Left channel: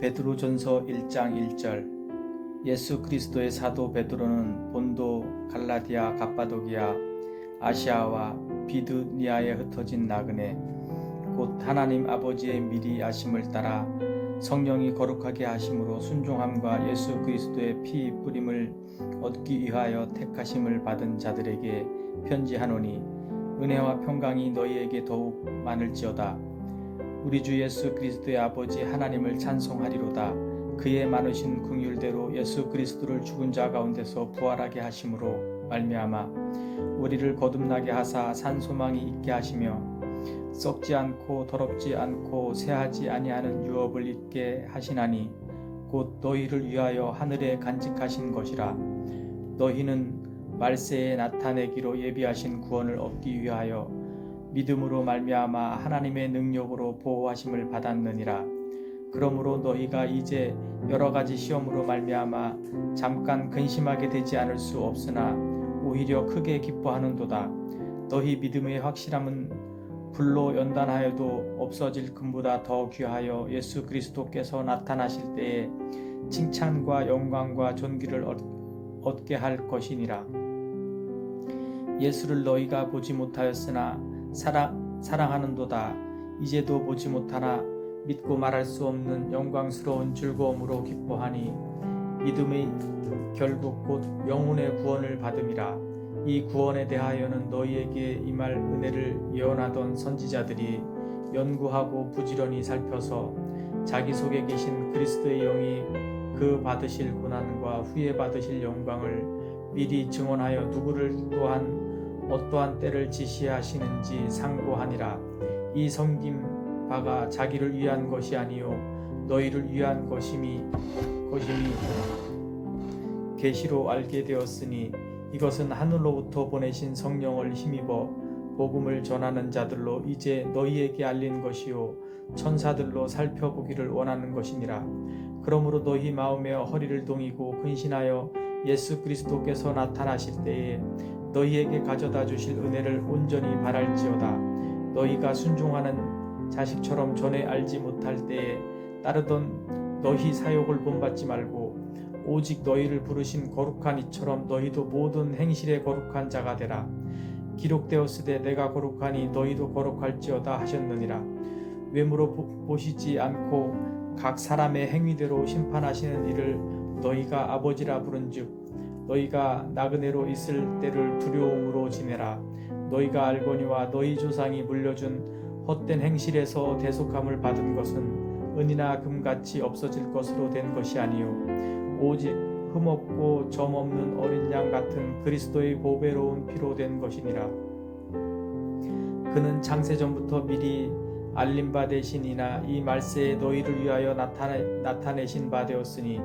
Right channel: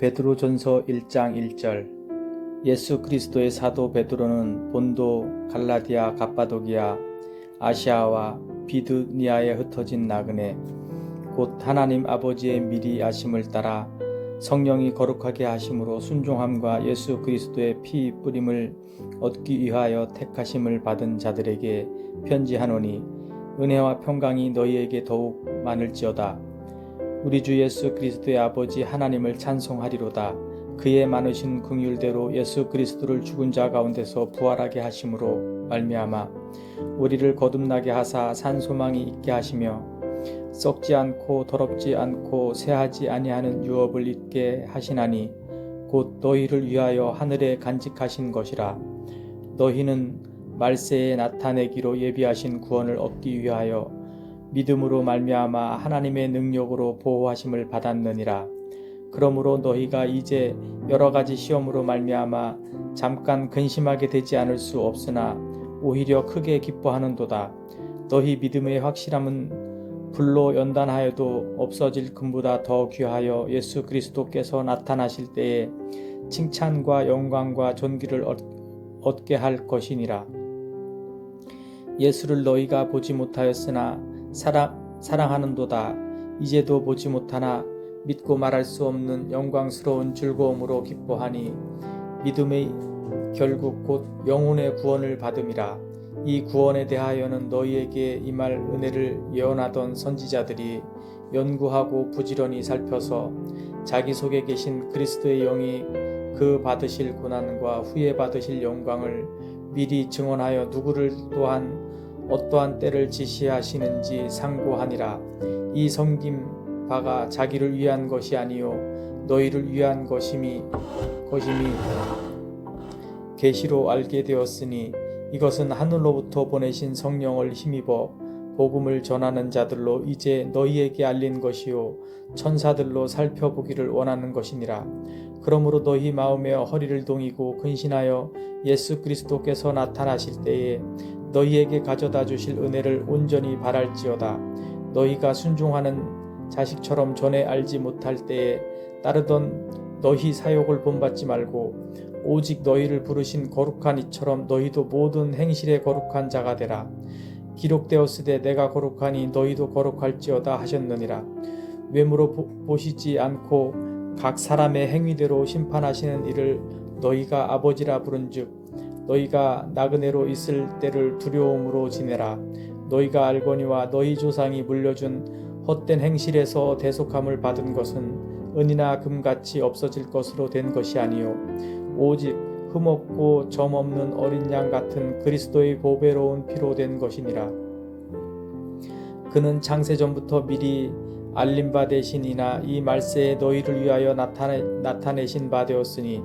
베드로전서 1장 1절. 예수 그리스도의 사도 베드로는 본도, 갈라디아, 갑바도기아, 아시아와 비두니아에 흩어진 나그네 곧 하나님 아버지의 미리 아심을 따라 성령이 거룩하게 하심으로 순종함과 예수 그리스도의 피 뿌림을 얻기 위하여 택하심을 받은 자들에게 편지하노니, 은혜와 평강이 너희에게 더욱 많을지어다. 우리 주 예수 그리스도의 아버지 하나님을 찬송하리로다. 그의 많으신 긍휼대로 예수 그리스도를 죽은 자 가운데서 부활하게 하심으로 말미암아 우리를 거듭나게 하사 산 소망이 있게 하시며 썩지 않고 더럽지 않고 쇠하지 아니하는 유업을 있게 하시나니, 곧 너희를 위하여 하늘에 간직하신 것이라. 너희는 말세에 나타내기로 예비하신 구원을 얻기 위하여 믿음으로 말미암아 하나님의 능력으로 보호하심을 받았느니라. 그러므로 너희가 이제 여러 가지 시험으로 말미암아 잠깐 근심하게 되지 않을 수 없으나 오히려 크게 기뻐하는도다. 너희 믿음의 확실함은 불로 연단하여도 없어질 금보다 더 귀하여 예수 그리스도께서 나타나실 때에 칭찬과 영광과 존귀를 얻게 할 것이니라. 예수를 너희가 보지 못하였으나 사랑하는도다. 이제도 보지 못하나 믿고 말할 수 없는 영광스러운 즐거움으로 기뻐하니, 믿음의 결국 곧 영혼의 구원을 받음이라. 이 구원에 대하여는 너희에게 임할 은혜를 예언하던 선지자들이 연구하고 부지런히 살펴서 자기 속에 계신 그리스도의 영이 그 받으실 고난과 후에 받으실 영광을 미리 증언하여 누구를 또한 어떠한 때를 지시하시는지 상고하니라. 이 섬김 바가 자기를 위한 것이 아니요 너희를 위한 것임이 계시로 알게 되었으니, 이것은 하늘로부터 보내신 성령을 힘입어 복음을 전하는 자들로 이제 너희에게 알린 것이요 천사들로 살펴보기를 원하는 것이니라. 그러므로 너희 마음에 허리를 동이고 근신하여 예수 그리스도께서 나타나실 때에 너희에게 가져다 주실 은혜를 온전히 바랄지어다. 너희가 순종하는 자식처럼 전에 알지 못할 때에 따르던 너희 사욕을 본받지 말고 오직 너희를 부르신 거룩한 이처럼 너희도 모든 행실에 거룩한 자가 되라. 기록되었으되 내가 거룩하니 너희도 거룩할지어다 하셨느니라. 외모로 보시지 않고 각 사람의 행위대로 심판하시는 이를 너희가 아버지라 부른즉, 너희가 나그네로 있을 때를 두려움으로 지내라. 너희가 알거니와 너희 조상이 물려준 헛된 행실에서 대속함을 받은 것은 은이나 금같이 없어질 것으로 된 것이 아니요 오직 흠없고 점없는 어린 양 같은 그리스도의 보배로운 피로 된 것이니라. 그는 창세전부터 미리 알림 바 되시니나 이 말세에 너희를 위하여 나타내신 바 되었으니,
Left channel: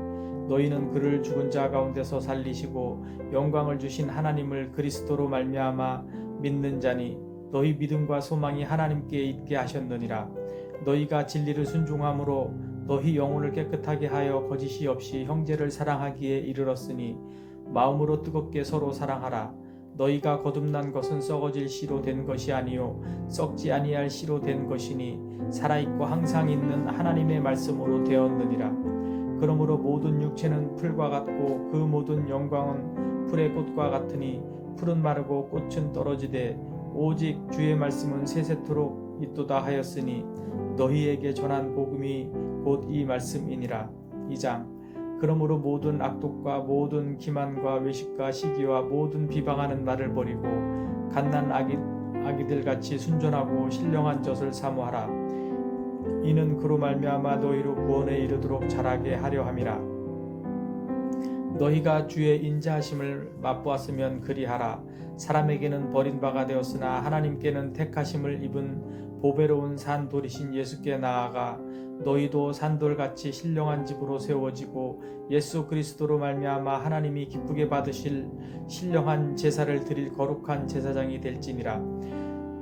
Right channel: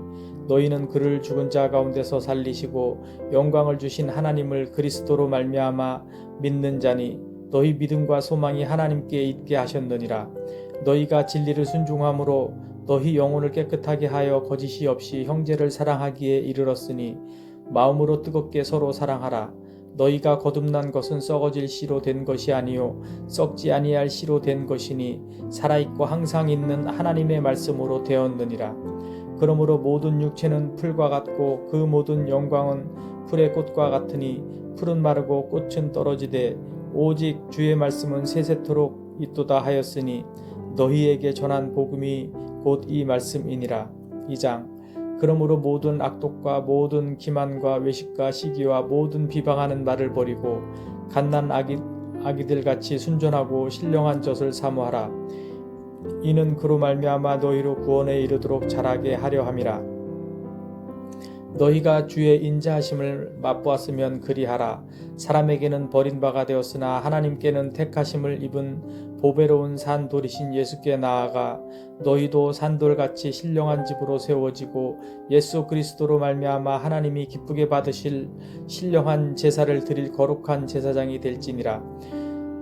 너희는 그를 죽은 자 가운데서 살리시고 영광을 주신 하나님을 그리스도로 말미암아 믿는 자니, 너희 믿음과 소망이 하나님께 있게 하셨느니라. 너희가 진리를 순종함으로 너희 영혼을 깨끗하게 하여 거짓이 없이 형제를 사랑하기에 이르렀으니, 마음으로 뜨겁게 서로 사랑하라. 너희가 거듭난 것은 썩어질 씨로 된 것이 아니요 썩지 아니할 씨로 된 것이니, 살아있고 항상 있는 하나님의 말씀으로 되었느니라. 그러므로 모든 육체는 풀과 같고 그 모든 영광은 풀의 꽃과 같으니, 풀은 마르고 꽃은 떨어지되 오직 주의 말씀은 세세토록 있도다 하였으니, 너희에게 전한 복음이 곧 이 말씀이니라. 2장. 그러므로 모든 악독과 모든 기만과 외식과 시기와 모든 비방하는 말을 버리고 갓난 아기들같이 순전하고 신령한 젖을 사모하라. 이는 그로 말미암아 너희로 구원에 이르도록 자라게 하려 함이라. 너희가 주의 인자하심을 맛보았으면 그리하라. 사람에게는 버림바가 되었으나 하나님께는 택하심을 입은 보배로운 산돌이신 예수께 나아가 너희도 산돌같이 신령한 집으로 세워지고 예수 그리스도로 말미암아 하나님이 기쁘게 받으실 신령한 제사를 드릴 거룩한 제사장이 될지니라.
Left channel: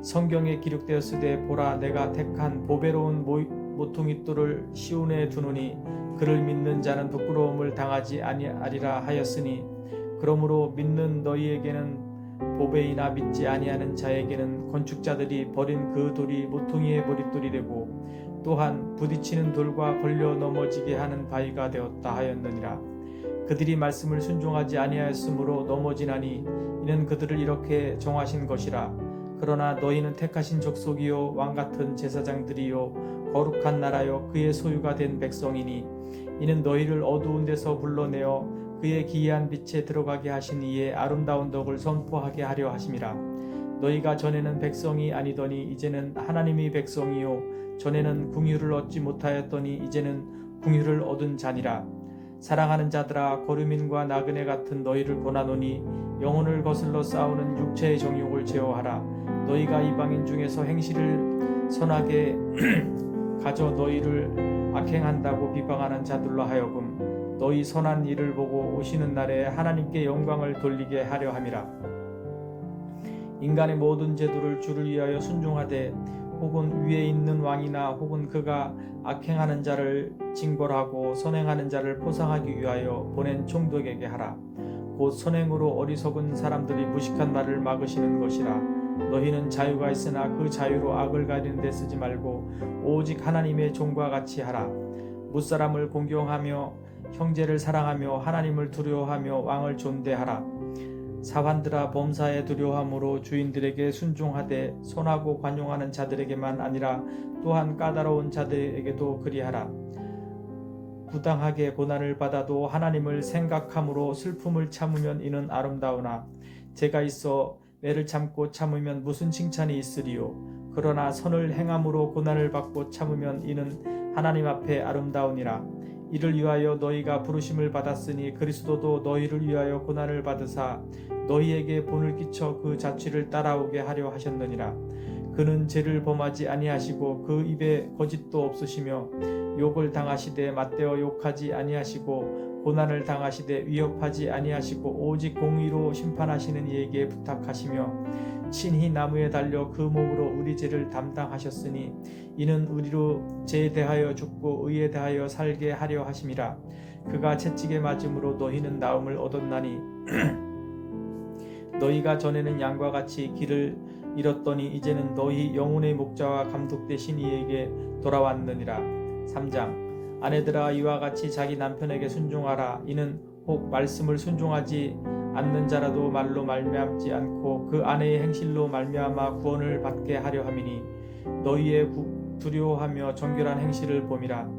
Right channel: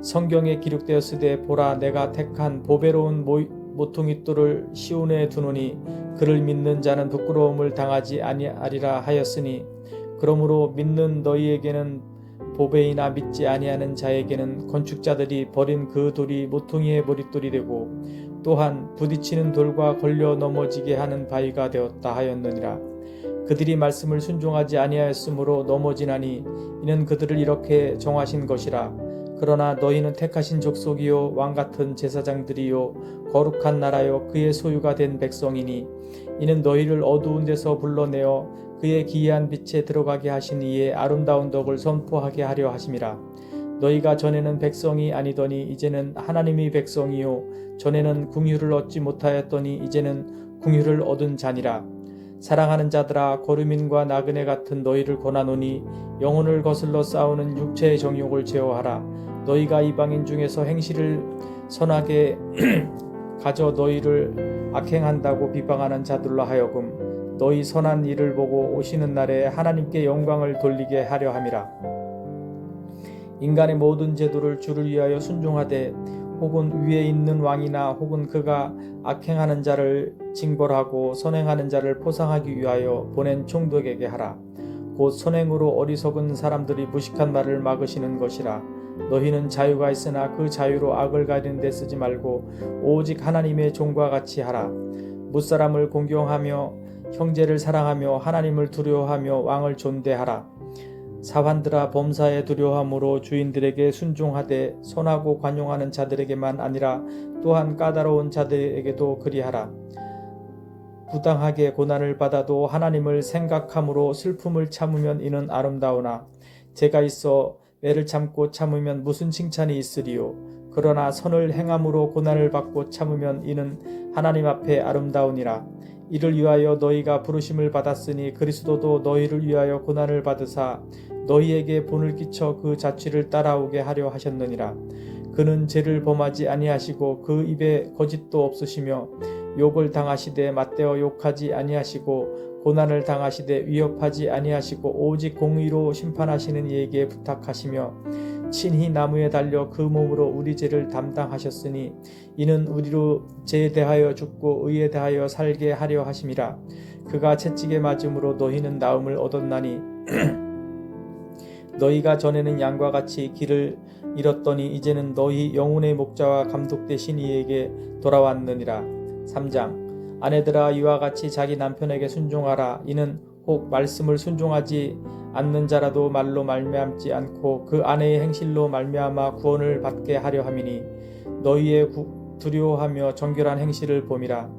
성경에 기록되었으되 보라, 내가 택한 보배로운 모퉁이돌을 시온에 두노니 그를 믿는 자는 부끄러움을 당하지 아니하리라 하였으니, 그러므로 믿는 너희에게는 보배이나 믿지 아니하는 자에게는 건축자들이 버린 그 돌이 모퉁이의 머릿돌이 되고 또한 부딪히는 돌과 걸려 넘어지게 하는 바위가 되었다 하였느니라. 그들이 말씀을 순종하지 아니하였으므로 넘어지나니 이는 그들을 이렇게 정하신 것이라. 그러나 너희는 택하신 족속이요 왕같은 제사장들이요 거룩한 나라요 그의 소유가 된 백성이니 이는 너희를 어두운 데서 불러내어 그의 기이한 빛에 들어가게 하신 이의 아름다운 덕을 선포하게 하려 하심이라. 너희가 전에는 백성이 아니더니 이제는 하나님이 백성이요 전에는 궁유를 얻지 못하였더니 이제는 궁유를 얻은 자니라. 사랑하는 자들아, 거류민과 나그네 같은 너희를 권하노니 영혼을 거슬러 싸우는 육체의 정욕을 제어하라. 너희가 이방인 중에서 행실을 선하게 가져 너희를 악행한다고 비방하는 자들로 하여금 너희 선한 일을 보고 오시는 날에 하나님께 영광을 돌리게 하려 함이라. 인간의 모든 제도를 주를 위하여 순종하되 혹은 위에 있는 왕이나 혹은 그가 악행하는 자를 징벌하고 선행하는 자를 포상하기 위하여 보낸 총독에게 하라. 곧 선행으로 어리석은 사람들이 무식한 말을 막으시는 것이라. 너희는 자유가 있으나 그 자유로 악을 가리는 데 쓰지 말고 오직 하나님의 종과 같이 하라. 무사람을 공경하며 형제를 사랑하며 하나님을 두려워하며 왕을 존대하라. 사환들아, 범사에 두려워함으로 주인들에게 순종하되 선하고 관용하는 자들에게만 아니라 또한 까다로운 자들에게도 그리하라. 부당하게 고난을 받아도 하나님을 생각함으로 슬픔을 참으면 이는 아름다우나 죄가 있어 매를 참고 참으면 무슨 칭찬이 있으리요. 그러나 선을 행함으로 고난을 받고 참으면 이는 하나님 앞에 아름다우니라. 이를 위하여 너희가 부르심을 받았으니 그리스도도 너희를 위하여 고난을 받으사 너희에게 본을 끼쳐 그 자취를 따라오게 하려 하셨느니라. 그는 죄를 범하지 아니하시고 그 입에 거짓도 없으시며 욕을 당하시되 맞대어 욕하지 아니하시고 고난을 당하시되 위협하지 아니하시고 오직 공의로 심판하시는 이에게 부탁하시며 친히 나무에 달려 그 몸으로 우리 죄를 담당하셨으니 이는 우리로 죄에 대하여 죽고 의에 대하여 살게 하려 하심이라. 그가 채찍에 맞음으로 너희는 나음을 얻었나니 너희가 전에는 양과 같이 길을 잃었더니 이제는 너희 영혼의 목자와 감독 되신 이에게 돌아왔느니라. 3장 아내들아, 이와 같이 자기 남편에게 순종하라. 이는 혹 말씀을 순종하지 않는 자라도 말로 말미암지 않고 그 아내의 행실로 말미암아 구원을 받게 하려 함이니 너희의 두려워하며 정결한 행실을 봄이라.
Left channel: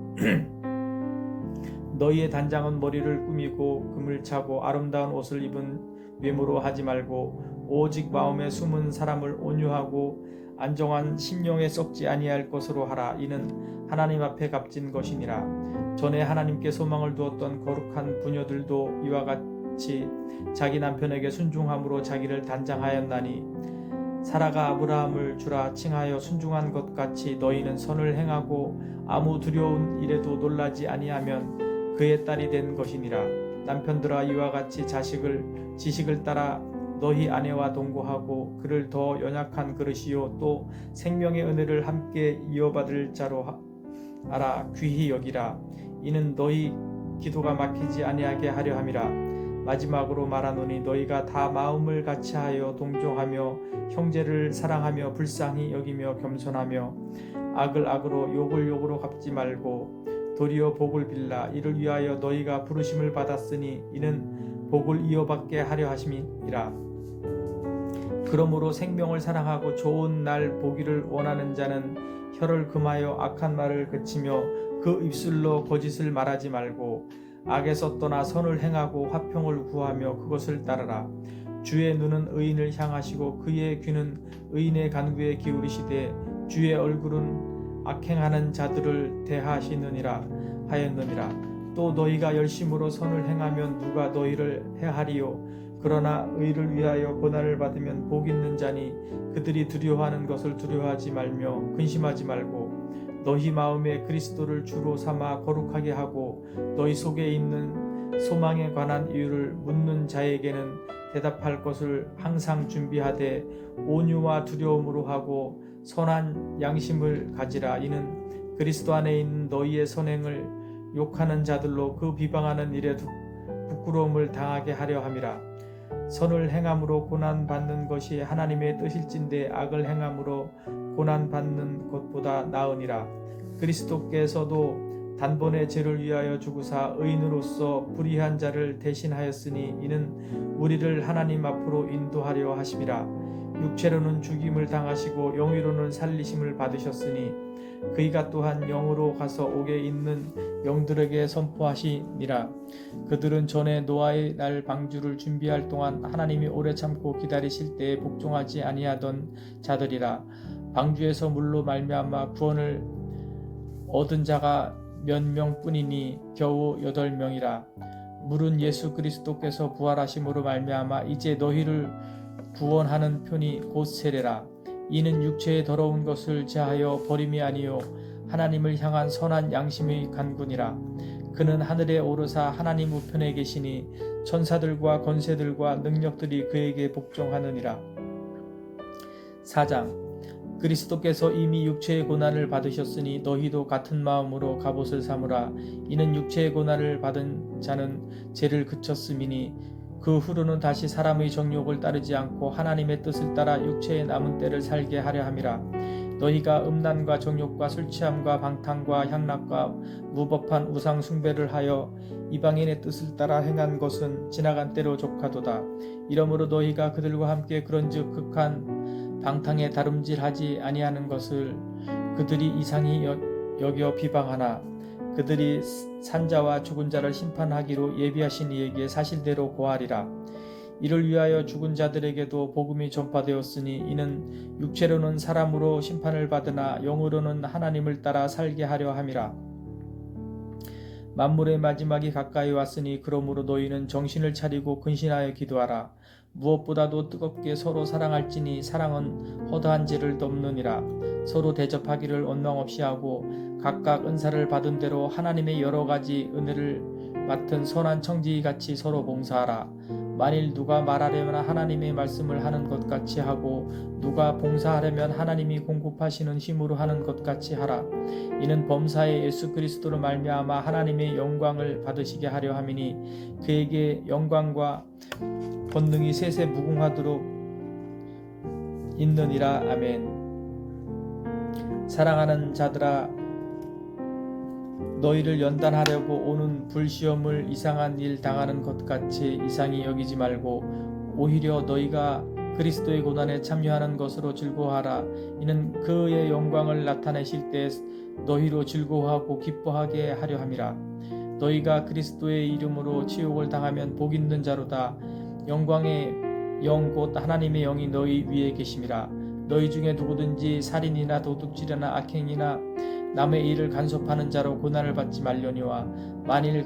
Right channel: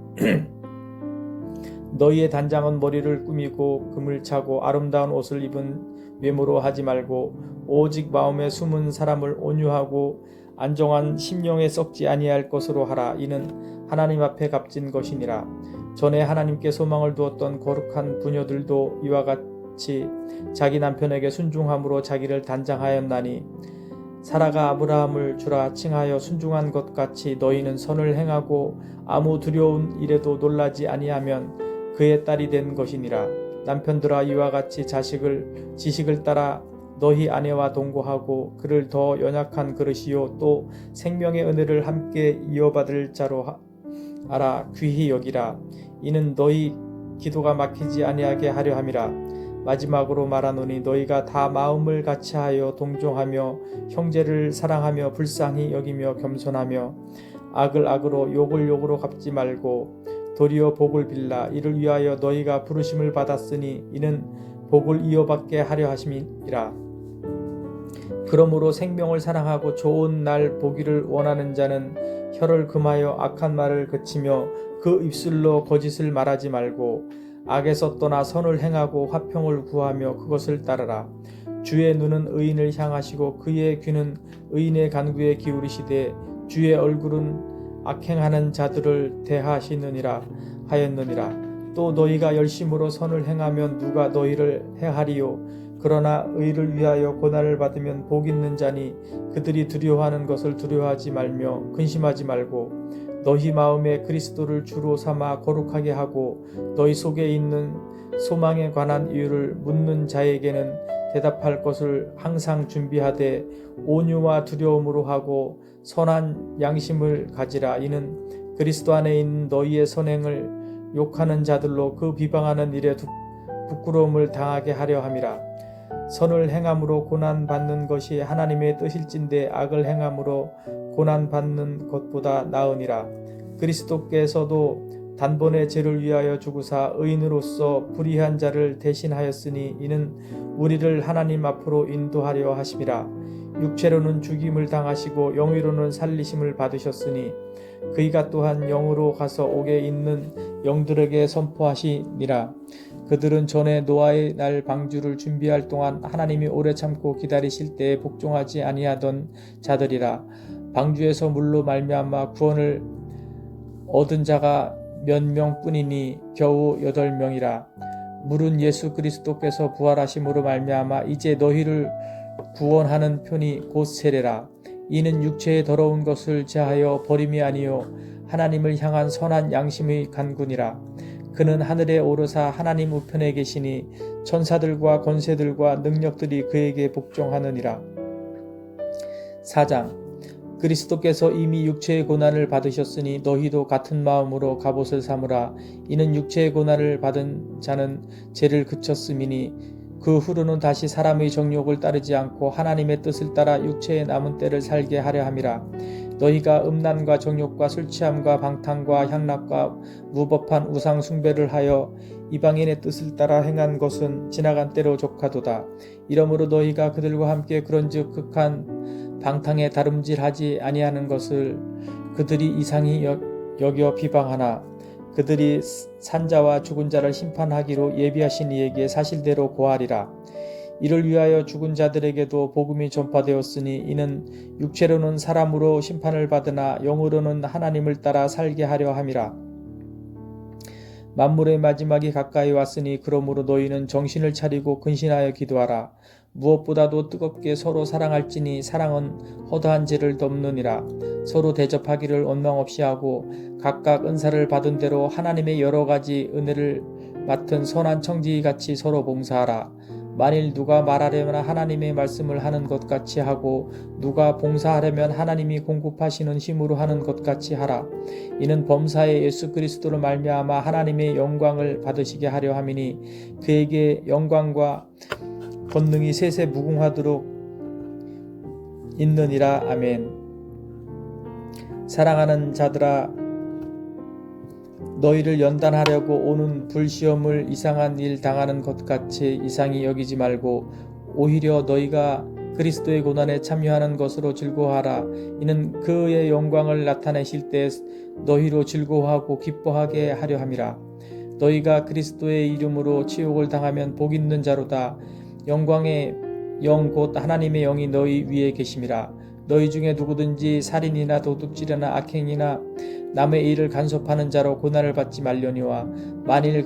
너희의 단장은 머리를 꾸미고 금을 차고 아름다운 옷을 입은 외모로 하지 말고 오직 마음에 숨은 사람을 온유하고 안정한 심령에 썩지 아니할 것으로 하라. 이는 하나님 앞에 값진 것이니라. 전에 하나님께 소망을 두었던 거룩한 부녀들도 이와 같이 자기 남편에게 순종함으로 자기를 단장하였나니 사라가 아브라함을 주라 칭하여 순종한 것 같이 너희는 선을 행하고 아무 두려운 일에도 놀라지 아니하면 그의 딸이 된 것이니라. 남편들아, 이와 같이 지식을 따라 너희 아내와 동거하고 그를 더 연약한 그릇이요 또 생명의 은혜를 함께 이어받을 자로 알아 귀히 여기라. 이는 너희 기도가 막히지 아니하게 하려 함이라. 마지막으로 말하노니 너희가 다 마음을 같이하여 동정하며 형제를 사랑하며 불쌍히 여기며 겸손하며 악을 악으로 욕을 욕으로 갚지 말고 도리어 복을 빌라. 이를 위하여 너희가 부르심을 받았으니 이는 복을 이어받게 하려 하심이라. 그러므로 생명을 사랑하고 좋은 날 보기를 원하는 자는 혀를 금하여 악한 말을 그치며 그 입술로 거짓을 말하지 말고 악에서 떠나 선을 행하고 화평을 구하며 그것을 따르라. 주의 눈은 의인을 향하시고 그의 귀는 의인의 간구에 기울이시되 주의 얼굴은 악행하는 자들을 대하시느니라 하였느니라. 또 너희가 열심으로 선을 행하면 누가 너희를 해하리요. 그러나 의를 위하여 고난을 받으면 복 있는 자니 그들이 두려워하는 것을 두려워하지 말며 근심하지 말고 너희 마음에 그리스도를 주로 삼아 거룩하게 하고 너희 속에 있는 소망에 관한 이유를 묻는 자에게는 대답할 것을 항상 준비하되 온유와 두려움으로 하고 선한 양심을 가지라. 이는 그리스도 안에 있는 너희의 선행을 욕하는 자들로 그 비방하는 일에 부끄러움을 당하게 하려 함이라. 선을 행함으로 고난받는 것이 하나님의 뜻일진데 악을 행함으로 고난받는 것보다 나으니라. 그리스도께서도 단번에 죄를 위하여 죽으사 의인으로서 불의한 자를 대신하였으니 이는 우리를 하나님 앞으로 인도하려 하심이라. 육체로는 죽임을 당하시고 영으로는 살리심을 받으셨으니 그이가 또한 영으로 가서 옥에 있는 영들에게 선포하시니라. 그들은 전에 노아의 날 방주를 준비할 동안 하나님이 오래 참고 기다리실 때에 복종하지 아니하던 자들이라. 방주에서 물로 말미암아 구원을 얻은 자가 몇 명뿐이니 겨우 8명이라. 물은 예수 그리스도께서 부활하심으로 말미암아 이제 너희를 구원하는 편이 곧 세례라. 이는 육체의 더러운 것을 제하여 버림이 아니요 하나님을 향한 선한 양심의 간구니라. 그는 하늘에 오르사 하나님 우편에 계시니 천사들과 권세들과 능력들이 그에게 복종하느니라. 4장. 그리스도께서 이미 육체의 고난을 받으셨으니 너희도 같은 마음으로 갑옷을 삼으라. 이는 육체의 고난을 받은 자는 죄를 그쳤음이니 그 후로는 다시 사람의 정욕을 따르지 않고 하나님의 뜻을 따라 육체의 남은 때를 살게 하려 함이라. 너희가 음란과 정욕과 술취함과 방탕과 향락과 무법한 우상 숭배를 하여 이방인의 뜻을 따라 행한 것은 지나간 때로 족하도다. 이러므로 너희가 그들과 함께 그런즉 극한 방탕에 다름질하지 아니하는 것을 그들이 이상히 여겨 비방하나 그들이 산자와 죽은 자를 심판하기로 예비하신 이에게 사실대로 고하리라. 이를 위하여 죽은 자들에게도 복음이 전파되었으니 이는 육체로는 사람으로 심판을 받으나 영으로는 하나님을 따라 살게 하려 함이라. 만물의 마지막이 가까이 왔으니 그러므로 너희는 정신을 차리고 근신하여 기도하라. 무엇보다도 뜨겁게 서로 사랑할지니 사랑은 허다한 죄를 덮느니라. 서로 대접하기를 원망 없이 하고 각각 은사를 받은 대로 하나님의 여러 가지 은혜를 맡은 선한 청지기같이 서로 봉사하라. 만일 누가 말하려면 하나님의 말씀을 하는 것 같이 하고 누가 봉사하려면 하나님이 공급하시는 힘으로 하는 것 같이 하라. 이는 범사에 예수 그리스도로 말미암아 하나님의 영광을 받으시게 하려 함이니 그에게 영광과 권능이 세세 무궁하도록 있느니라. 아멘. 사랑하는 자들아, 너희를 연단하려고 오는 불시험을 이상한 일 당하는 것 같이 이상히 여기지 말고 오히려 너희가 그리스도의 고난에 참여하는 것으로 즐거워하라. 이는 그의 영광을 나타내실 때 너희로 즐거워하고 기뻐하게 하려 함이라. 너희가 그리스도의 이름으로 치욕을 당하면 복 있는 자로다. 영광의 영 곧 하나님의 영이 너희 위에 계심이라. 너희 중에 누구든지 살인이나 도둑질이나 악행이나 남의 일을 간섭하는 자로 고난을 받지 말려니와 만일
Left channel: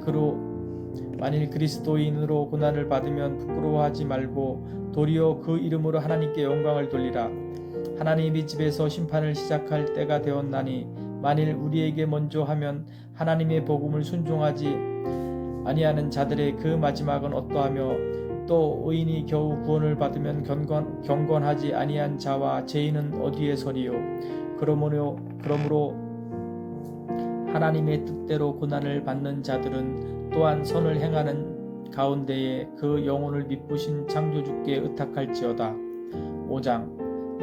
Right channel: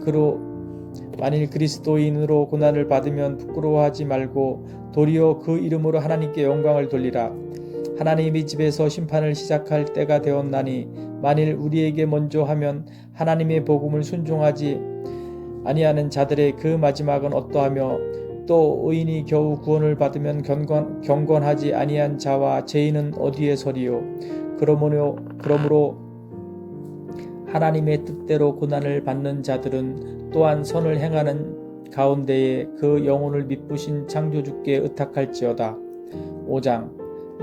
그리스도인으로 고난을 받으면 부끄러워하지 말고 도리어 그 이름으로 하나님께 영광을 돌리라. 하나님의 집에서 심판을 시작할 때가 되었나니 만일 우리에게 먼저 하면 하나님의 복음을 순종하지 아니하는 자들의 그 마지막은 어떠하며 또 의인이 겨우 구원을 받으면 경건하지 아니한 자와 죄인은 어디에 서리요. 그러므로 하나님의 뜻대로 고난을 받는 자들은 또한 선을 행하는 가운데에 그 영혼을 미쁘신 창조주께 의탁할지어다. 5장.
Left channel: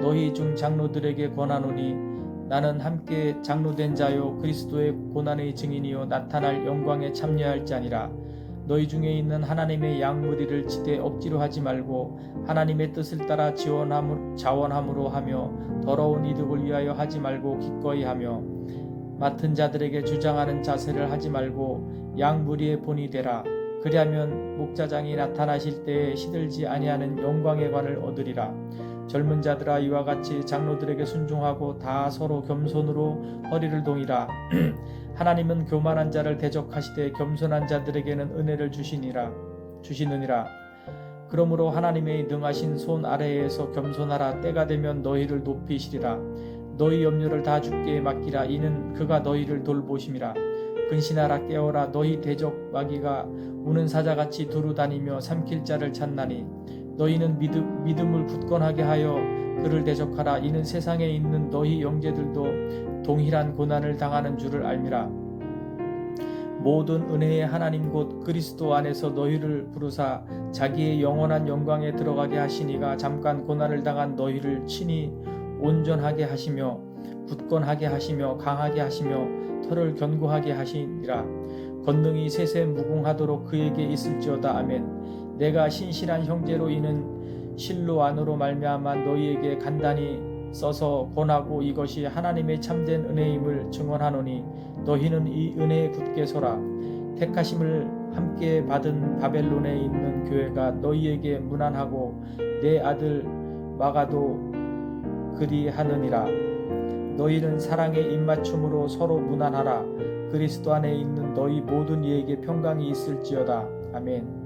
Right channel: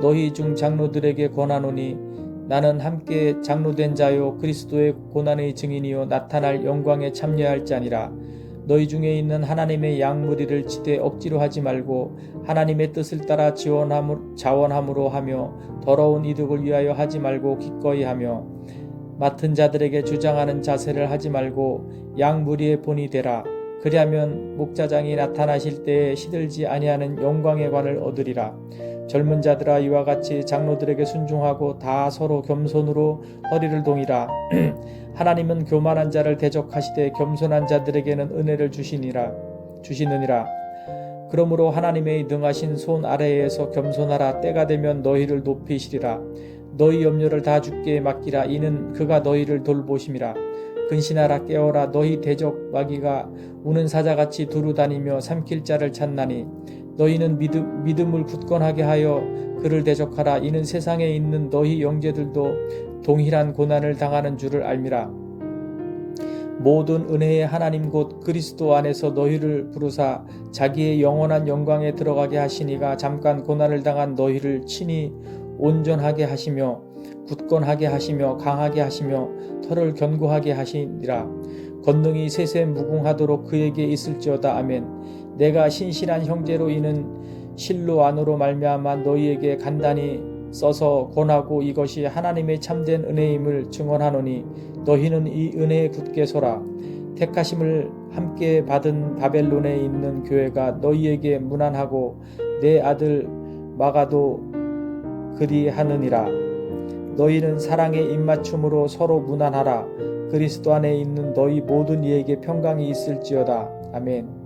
너희 중 장로들에게 권하노니 나는 함께 장로된 자요 그리스도의 고난의 증인이요 나타날 영광에 참여할 자니라. 너희 중에 있는 하나님의 양무리를 치되 억지로 하지 말고 하나님의 뜻을 따라 자원함으로 하며 더러운 이득을 위하여 하지 말고 기꺼이 하며 맡은 자들에게 주장하는 자세를 하지 말고 양무리의 본이 되라. 그리하면 목자장이 나타나실 때에 시들지 아니하는 영광의 관을 얻으리라. 젊은 자들아 이와 같이 장로들에게 순종하고 다 서로 겸손으로 허리를 동이라. 하나님은 교만한 자를 대적하시되 겸손한 자들에게는 은혜를 주시느니라. 그러므로 하나님의 능하신 손 아래에서 겸손하라. 때가 되면 너희를 높이시리라. 너희 염려를 다 주께 맡기라. 이는 그가 너희를 돌보심이라. 근신하라. 깨어라. 너희 대적 마귀가 우는 사자같이 두루 다니며 삼킬 자를 찾나니 너희는 믿음을 굳건하게 하여 그를 대적하라. 이는 세상에 있는 너희 형제들도 동일한 고난을 당하는 줄을 알미라. 모든 은혜의 하나님 곧 그리스도 안에서 너희를 부르사 자기의 영원한 영광에 들어가게 하시니가 잠깐 고난을 당한 너희를 친히 온전하게 하시며 굳건하게 하시며 강하게 하시며 털을 견고하게 하시니라. 권능이 세세 무궁하도록 그에게 있을지어다. 아멘. 내가 신실한 형제로 이는 실로 안으로 말미암아 너희에게 간단히 써서 권하고 이것이 하나님의 참된 은혜임을 증언하노니 너희는 이 은혜에 굳게 서라. 택하심을 함께 받은 바벨론에 있는 교회가 너희에게 문안하고 내 아들 마가도 그리하느니라. 너희는 사랑의 입맞춤으로 서로 문안하라. 그리스도 안에 있는 너희 모든 이에게 평강이 있을지어다. 아멘.